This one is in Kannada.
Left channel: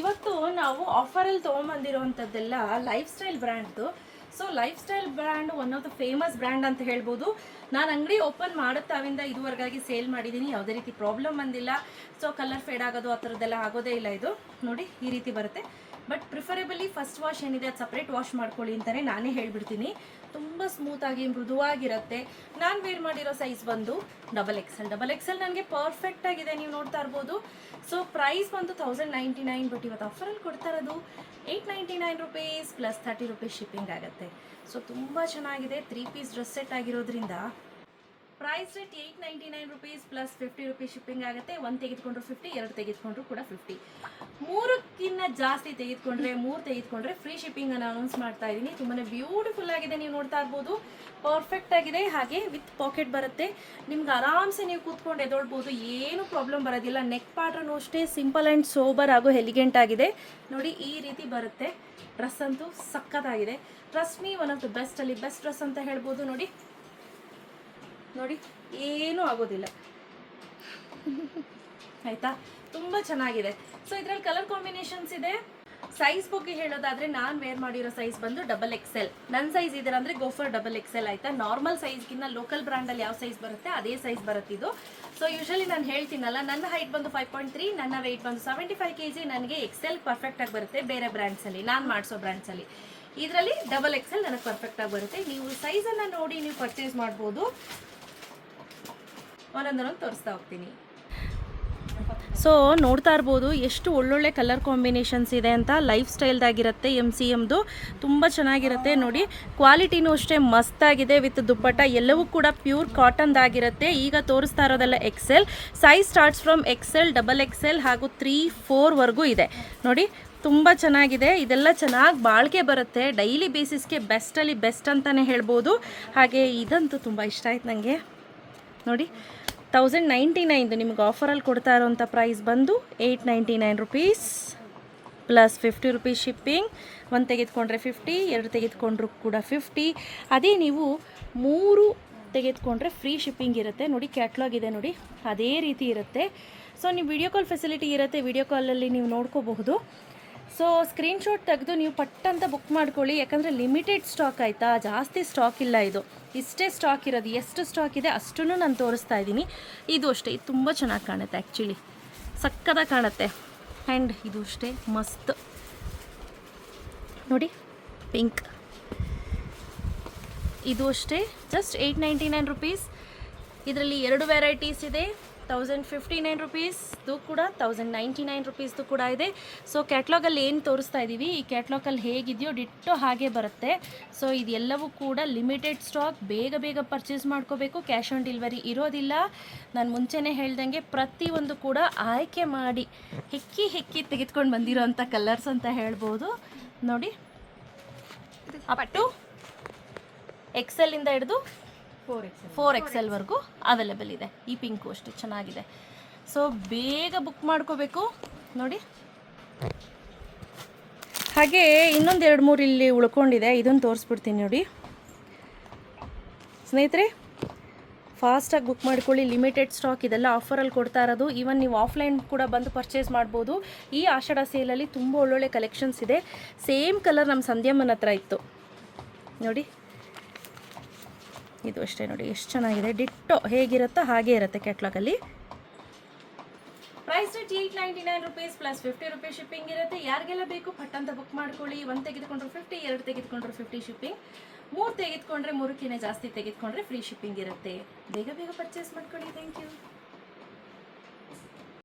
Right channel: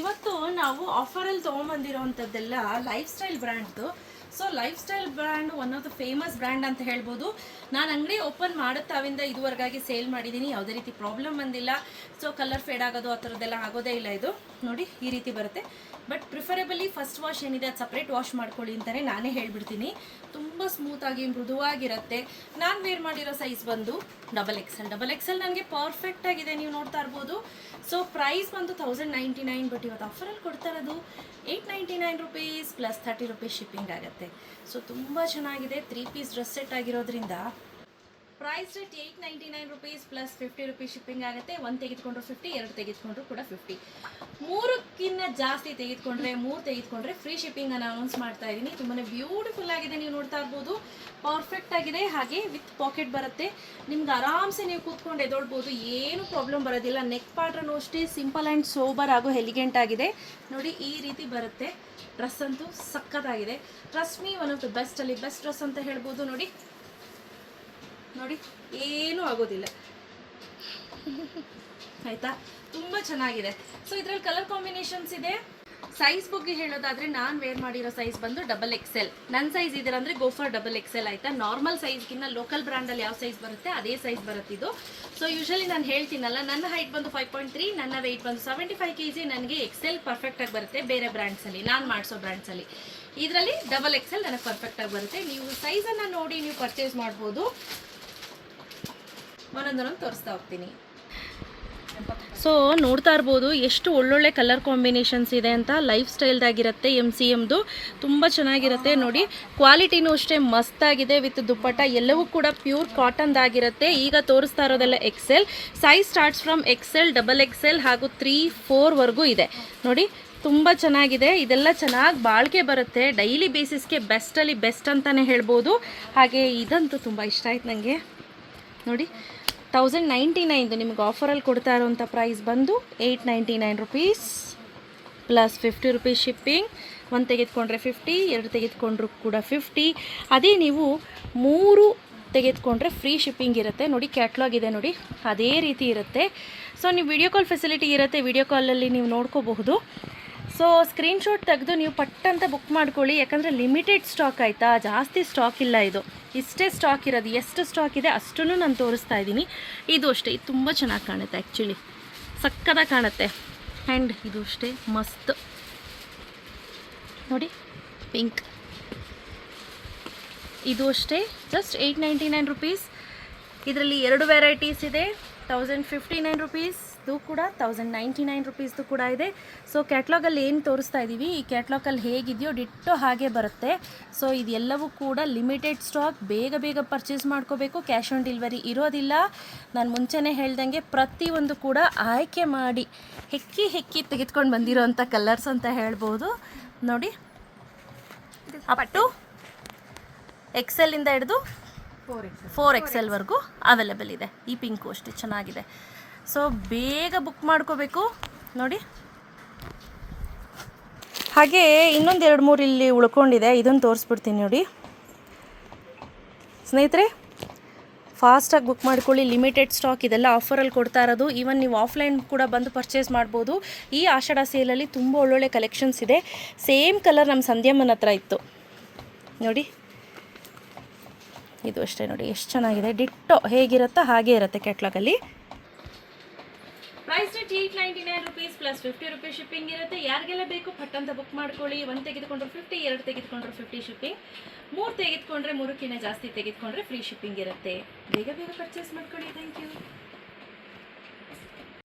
ಇವತ್ತು ನಾವು ಆಫರಲ್ಲಿ ತೊಗೊಂಬಂದಿರೋವಂಥದ್ದೆಲ್ಲ ಲೈಫ್ ಸ್ಟೈಲ್ ಬ್ರ್ಯಾಂಡ್ದು. So life style brand one of the famous brand ಅಂತ ಹೇಳ್ಬೋದು. ನಾನು ಅಂಗಡಿ ಓಪನ್ ಮಾಡುತ್ತಾವಿಂದ ಇದುವರೆಗಾಗಿ ಸೇಲ್ ಮಾಡಿದ್ದೀನಿ, ಯಾವುದೇ ರೀತಿ ಪ್ರಾಬ್ಲಮ್ ಬಂದಿಲ್ಲ. ಸೊ ಕಲರ್ ಫೇಡ್ ಆಗೋದು ಆ ಥರದ್ದೆಲ್ಲ ಆಗೋದೇ ಇಲ್ಲ. ಇದು ನೋಡಿ ಈ ರೀತಿ ಬರುತ್ತೆ. ಬಟ್ ಪ್ರಿಫರೇಬಲಿ ಫಸ್ಟ್ ವಾಶ್ ಏನಿದೆ ಅದು ಸಪ್ರೇಟ್ ವಾಶ್ ಮಾಡ್ಕೊಳ್ಳಿ ಅಂತಲೇ ನಾನೇ ಹೇಳ್ಬಿಡ್ತೀನಿ. ತುಂಬ ಸ್ಮೂತಾಗಿ ಮೃದುವಾಗಿರುತ್ತೆ. ನಾನು ವೇರ್ ಮಾಡಿರೋ ಸೈಜ್ ಬಂದು ಡಬಲ್ ಎಕ್ಸೆಲ್ ನನಗೆ ಪರ್ಫೆಕ್ಟ್ ಆಗಿದೆ, ನೀವು ನೋಡ್ತಾ ಇರ್ಬೋದು. ಸೊ ಪ್ರೈಸ್ ಬಂದು 1099, ಬಟ್ ಇವತ್ತು ಆಫರಲ್ಲಿ ಕೊಡ್ತಾ ಇರೋದು 899 ರುಪೀಸ್ ಪ್ಲಸ್ 30 ರುಪೀಸ್ ಶಿಪ್ಪಿಂಗ್ ಆಗುತ್ತೆ. ಸೊ ತುಂಬ ಚೆನ್ನಾಗಿದೆ. 3 ಪೀಸ್ ಡ್ರೆಸ್ ಸೆಟ್ ಆಗಿರೋದ್ರಿಂದ price rate 899 rupees plus 50 rupees shipping ಆಗುತ್ತೆ. 1 ತೆಗೆದುಕೊಂಡ್ರು 50, 2 ತೆಗೆದುಕೊಂಡ್ರು ಕೂಡ 50. 3ಕ್ಕಿಂತ ಜಾಸ್ತಿ ತೆಗೆದುಕೊಂಡ್ರೆ 3 ತೆಗೆದುಕೊಂಡ್ರೆ ಫ್ರೀ ಶಿಪ್ಪಿಂಗ್ ಅನ್ನು ಅನೌನ್ಸ್ ಮಾಡ್ತಾ ಇದ್ದೀನಿ. ತುಂಬಾ ಬ್ಯೂಟಿಫುಲ್ ಆಗಿದೆ, ನೀವು ನೋಡ್ತಾ ಇರ್ಬೋದು. ಪರ್ಫೆಕ್ಟ್ ಆಗಿದೆ, ಹಾಗೆ ವಿತ್ ಪಾಕೆಟ್ ಬರುತ್ತೆ. ನಿಮ್ಗೆ ಆರಾಮ್ಸೆ ನೀವು ಕೂತ್ಕೊಂಡು ಎದೊಳ್ಬೋದು, ಏನು ಪ್ರಾಬ್ಲಮ್ ಬರೋದಿಲ್ಲ. ನೆಕ್ ಪ್ಯಾಟರ್ನ್ ಅಷ್ಟೇ ಸಿಂಪಲ್ ಆ್ಯಂಡ್ ಸೋಬರ್ ಹಾಗೂ ಎಲಿಗೆಂಟ್ ಆಗಿದೆ. ನೋಡಿ ಈ ರೀತಿ ಬರುತ್ತೆ. ಡ್ರೆಸ್ ಅಂತೂ ಸಕ್ಕತ್ತಾಗಿದೆ. Trust me, one of the best ಅಲ್ಲಿ ಬೆಸ್ಟ್ ಡ್ರೆಸ್ ಅಂತ ಹೇಳ್ಬೋದು. ನೋಡಿ ನೋಡಿ ಏನೂ ಆಗೋದಿಲ್ಲ ಆಯಿತಾ, ತುಂಬ ಚೆನ್ನಾಗಿದೆ. ಸೊ ಇದರಲ್ಲಿ ಕಲರ್ ಕಾಂಬಿನೇಷನ್ಸ್ ಇದೆ. ಸೈಜ್ ಬಗ್ಗೆ ಹೇಳೋದಾದರೆ ನಾನು ವೇರ್ ಮಾಡಿರೋ ಸೈಜ್ ಬಂದು ಡಬಲ್ ಎಕ್ಸೆಲ್. ನನ್ನ ಸೈಜ್ ಇದರ ಅಂದರೆ ಗೋಫರ್ ಡಬಲ್ ಎಕ್ಸೆಲ್ ಆಯಿತಾ. ನಾರ್ಮಲ್ ಸೈಜ್ಗಿಂತ ಲೋಕಲ್ ಬ್ರ್ಯಾಂಡಲ್ಲಿ ಯಾವ ಸೈಜ್ ಬರುತ್ತೆ ಅದೇ ಸೈಜ್ ಬರುತ್ತಿದ್ದು. ಸೊ ಯೂಶಲಿ ನಾನು ಹೇಳ್ತೀನಲ್ಲ, ನನ್ನ ಹೈಟ್ ಬಂದು 5.3, ನನ್ನ ವೆಯ್ಟ್ ಬಂದು 75 kg. ನನಗೆ ಎಕ್ಸೆಲ್ ಪರ್ಫೆಕ್ಟಾಗಿ ಬರುತ್ತೆ ಬೇರೆ ಬ್ರ್ಯಾಂಡ್ಸಲ್ಲಿ, ನಾನು ಮಾಡಿಸೋ ಬ್ರ್ಯಾಂಡ್ಸಲ್ಲಿ. ಇದರಲ್ಲಿ ಡಬಲ್ ಎಕ್ಸೆಲ್ ನನಗೆ ಪರ್ಫೆಕ್ಟಾಗಿ ಬರುತ್ತೆ. ನೀವು ಸೈಜನ್ನು ನೋಡಿ ನೀವು ಪರ್ಚೇಸ್ ಮಾಡ್ಬೋದು. ಒಂದೊಂದೊಂದು ತೋರಿಸ್ತಾ ಹೋಗ್ತೀನಿ. ಸೊ ನೋಡ್ತಾ ಇರ್ಬೋದು ಎಷ್ಟು ಒಳ್ಳೊಳ್ಳೆ ಕಲರ್ ಕಾಂಬಿನೇಷನ್ಸ್ ಇದೆ ಅಂತ. ಲೈಫ್ ಸ್ಟೈಲ್ದಾಗಿರುತ್ತೆ, MCMದು ತುಂಬ ಚೆನ್ನಾಗಿರುತ್ತೆ. ನೋಡಿ ಕ್ವಾಲಿಟಿನೂ ಅಷ್ಟೇ ಮಸ್ತಾಗಿದೆ. ವಿತ್ ದುಪ್ಪಟ್ಟ ಎಲ್ಲವೂ ಕೂಡ ಪ್ಯೂರ್ ಕಾಟನ್ದಾಗಿರುತ್ತೆ. ಈಗ ತೋರಿಸ್ತಾ ಇರೋದೆಲ್ಲ XL. Size starts from XL, double XL ಹಾಗೂ 3, 4ವರೆಗೂ ಇದೆ. ನೋಡಿ ತುಂಬ ಚೆನ್ನಾಗಿದೆ. ಇದೆಲ್ಲ ಚೆನ್ನಾಗಿ ಬಾಳಿಕೆ ಬರುತ್ತೆ. ಡೈಲಿ ಬೇಸಿಸ್ಗೆ ಬೆಸ್ಟಲ್ಲಿ ಬೆಸ್ಟ್ ಅಂತಲೇ ಹೇಳ್ಬೋದು. ಹಾಗೆ ಇದಂತೂ ತುಂಬ ಇಷ್ಟ ಆಯ್ತು ನನಗೆ. ನೋಡಿ 1099 ನಿಮ್ಗೆ ಆಫರಲ್ಲಿ ಕೊಡ್ತಾ ಇರೋಂಥ ಪ್ರೈಸ್ ಬಂದು 899 ರುಪೀಸ್ ಪ್ಲಸ್ 50 ರುಪೀಸ್ ಶಿಪ್ಪಿಂಗ್. 1 ತೆಗೆದುಕೊಂಡ್ರೆ 50, 2 ತೆಗೆದುಕೊಂಡ್ರು ಕೂಡ 50. ಅದೇ ನೀವು 3 ತೆಗೆದುಕೊಂಡ್ರೆ ಫ್ರೀ ಶಿಪ್ಪಿಂಗ್ ಇರುತ್ತೆ. ನೋಡಿ ಕ್ಯಾಟ್ಲಾಗ್ ಇದೆ ನೋಡಿ, ಅದೇ ರೀತಿ ಇರುತ್ತೆ. ಸೊ ನೀವು ವಿಡಿಯೋ ಕಾಲ್ ಫೆಸಿಲಿಟಿ ಇರುತ್ತೆ, ವಿಡಿಯೋ ಕಾಲಲ್ಲಿ ನೀವು ನೋಡ್ಕೋಬಹುದು. ಸೊ ಸ್ಕ್ರೀನ್ಶಾಟ್ ತೆಗೆದು ನೀವು ಪಟ್ಟಂತ ಬುಕ್ ಮಾಡ್ಕೊಳ್ಳಿ, ಯಾಕಂದರೆ ಲಿಮಿಟೆಡ್ ಸ್ಟಾಕ್ ಆಯಿತಾ, ಜಾಸ್ತಿ ಸ್ಟಾಕ್ ಇಲ್ಲ. ಇದು ಇಷ್ಟೇ ಸ್ಟಾಕ್ ಇರೋದು. ಎಷ್ಟು ಸ್ಟಾಕ್ ಇದೆ ಅಷ್ಟನ್ನು ನಾನು ತೋರಿಸ್ತಾ ಇದ್ದೀನಿ. ಇದು ಅಷ್ಟೇ, ಇದು ತುಂಬ ಚೆನ್ನಾಗಿ ಕಾಣುತ್ತೆ. ಆ್ಯಕ್ಚುಲಿ ಸಕ್ಕತ್ತಾಗಿ ಕಾಣುತ್ತೆ. ಆ್ಯಂಡ್ ಇದು ಅಷ್ಟೇ ಮಸ್ತ್ ನೋಡಿ, ಪಿಂಕ್. ಇದು ಅಷ್ಟೇ ಜಸ್ಟ್ 899 ರುಪೀಸ್. ಇದರಲ್ಲಿ 2 ವೆರೈಟೀಸ್ ಇದೆ. 1059 ರುಪೀಸ್ದು ಕೂಡ 1099 ರುಪೀಸ್ದು ಕೂಡ ಇದೆ. ಸೊ ಕ್ಯಾಟ್ಲಾಗಲ್ಲಿ ಏನು ತೋರಿಸ್ತಾ ಇದ್ದೀವಿ, ಈ ಕ್ಯಾಟ್ಲಾಗಲ್ಲಿ ಹೇಗಿದೆಯೋ ಡಿಟ್ಟೋ ಹಾಗೆ ಬರುತ್ತೆ. ಸೊ ಇದೆಲ್ಲವೂ ಕೂಡ ಲಿಮಿಟೆಡ್ ಸ್ಟಾಕ್, ಬೇಗ ಬೇಗ ಪರ್ಚೇಸ್ ಮಾಡ್ಕೋಬೇಕು. ಕ್ಯಾಶ್ ಆನ್ ಡೆಲಿವರಿ ಇರೋದಿಲ್ಲ. ನಾನು ಮುಂಚೆನೇ ಹೇಳ್ದಂಗೆ ಪ್ರತಿಯೊಂದು ಕೂಡ ಆಯ್ಕೆ ಮಾಡಿ ಹೆಕ್ಕಿ ತೆಗೆದುಕೊಂಡು ಬಂದಿರೋಂಥ ಕಲರ್ಸ್ ಅಂತ ಹೇಳ್ಬೋದು. ನೋಡಿ ಅಪ್ ಟು ಎಕ್ಸೆಲ್ಲಿಂದ ಹಿಡಿದು 4XL ಅವೈಲೇಬಲ್ ಇದೆ. ಈ ಪಿಂಕು ಅಷ್ಟೇ ಚೆನ್ನಾಗಿದೆ. ಸೊ ಬೇಗ ಬುಕ್ ಮಾಡ್ಕೋಬೇಕು. ನೋಡಿ ಹಾಗೆ ಇನ್ನೊಂದು 2-3 ಇಲ್ಲಿ ಉಳ್ಕೊಂಡಿದೆ, ಇದನ್ನು ತೋರಿಸ್ಬಿಡ್ತೀನಿ ನೋಡಿ ಸ್ನೇಹಿತರೆ. ಫಾಸ್ಟಾಗಿ ಬುಕ್ ಮಾಡ್ಕೊಳ್ಳಿ, ಲಿಮಿಟೆಡ್ ಸ್ಟಾಕ್. ಇದೆಲ್ಲ ಆಫರಲ್ಲಿ ಕೊಡ್ತಾ ಇರೋದು. ಈವನ್ ನೀವು ಆಫ್ಲೈನ್ ಕೂಡ ಬಂದು ಪರ್ಚೇಸ್ ಮಾಡ್ಬೋದು. ಈ ಆಷಾಢ ಸೇಲಲ್ಲಿ ತುಂಬ ಒಳ್ಳೊಳ್ಳೆ ಕಲೆಕ್ಷನ್ಸ್ ಇದೆ. ಸೇಮ್ ಕಲರ್ ನಮ್ಮ ಸಂಧ್ಯಾಮ್ಮನ ಹತ್ರ ಇತ್ತು ನೋಡಿ. ಇದು ಅಷ್ಟೇ ನೋಡಿ ಎಷ್ಟು ಚೆನ್ನಾಗಿದೆ. ಡಿಟ್ಟೋ ಹೇಗಿರುತ್ತೋ ಹಾಗೆ ಇರುತ್ತೆ ಕ್ಯಾಟ್ಲಾಗಲ್ಲಿ. Price rate 899 rupees plus 50 rupees shipping ಇರುತ್ತೆ. ಯಾರಿಗೆಲ್ಲ ಬೇಕು ಪಟ್ಟಂತ ಬುಕ್ ಮಾಡ್ಕೊಳ್ಳಿ. 1 ತೆಗೆದುಕೊಂಡ್ರು 50, 2 ತೆಗೆದುಕೊಂಡ್ರು 50 ಶಿಪ್ಪಿಂಗ್. 3 ತೆಗೆದುಕೊಂಡ್ರೆ 3ಕ್ಕಿಂತ ಜಾಸ್ತಿ ತೆಗೆದುಕೊಂಡ್ರೆ ಫ್ರೀ ಶಿಪ್ಪಿಂಗ್ ಇರುತ್ತೆ. ಬೇಗ ಬೇಗ ಪರ್ಚೇಸ್ ಮಾಡ್ಕೊಳ್ಳಿ. Thank you.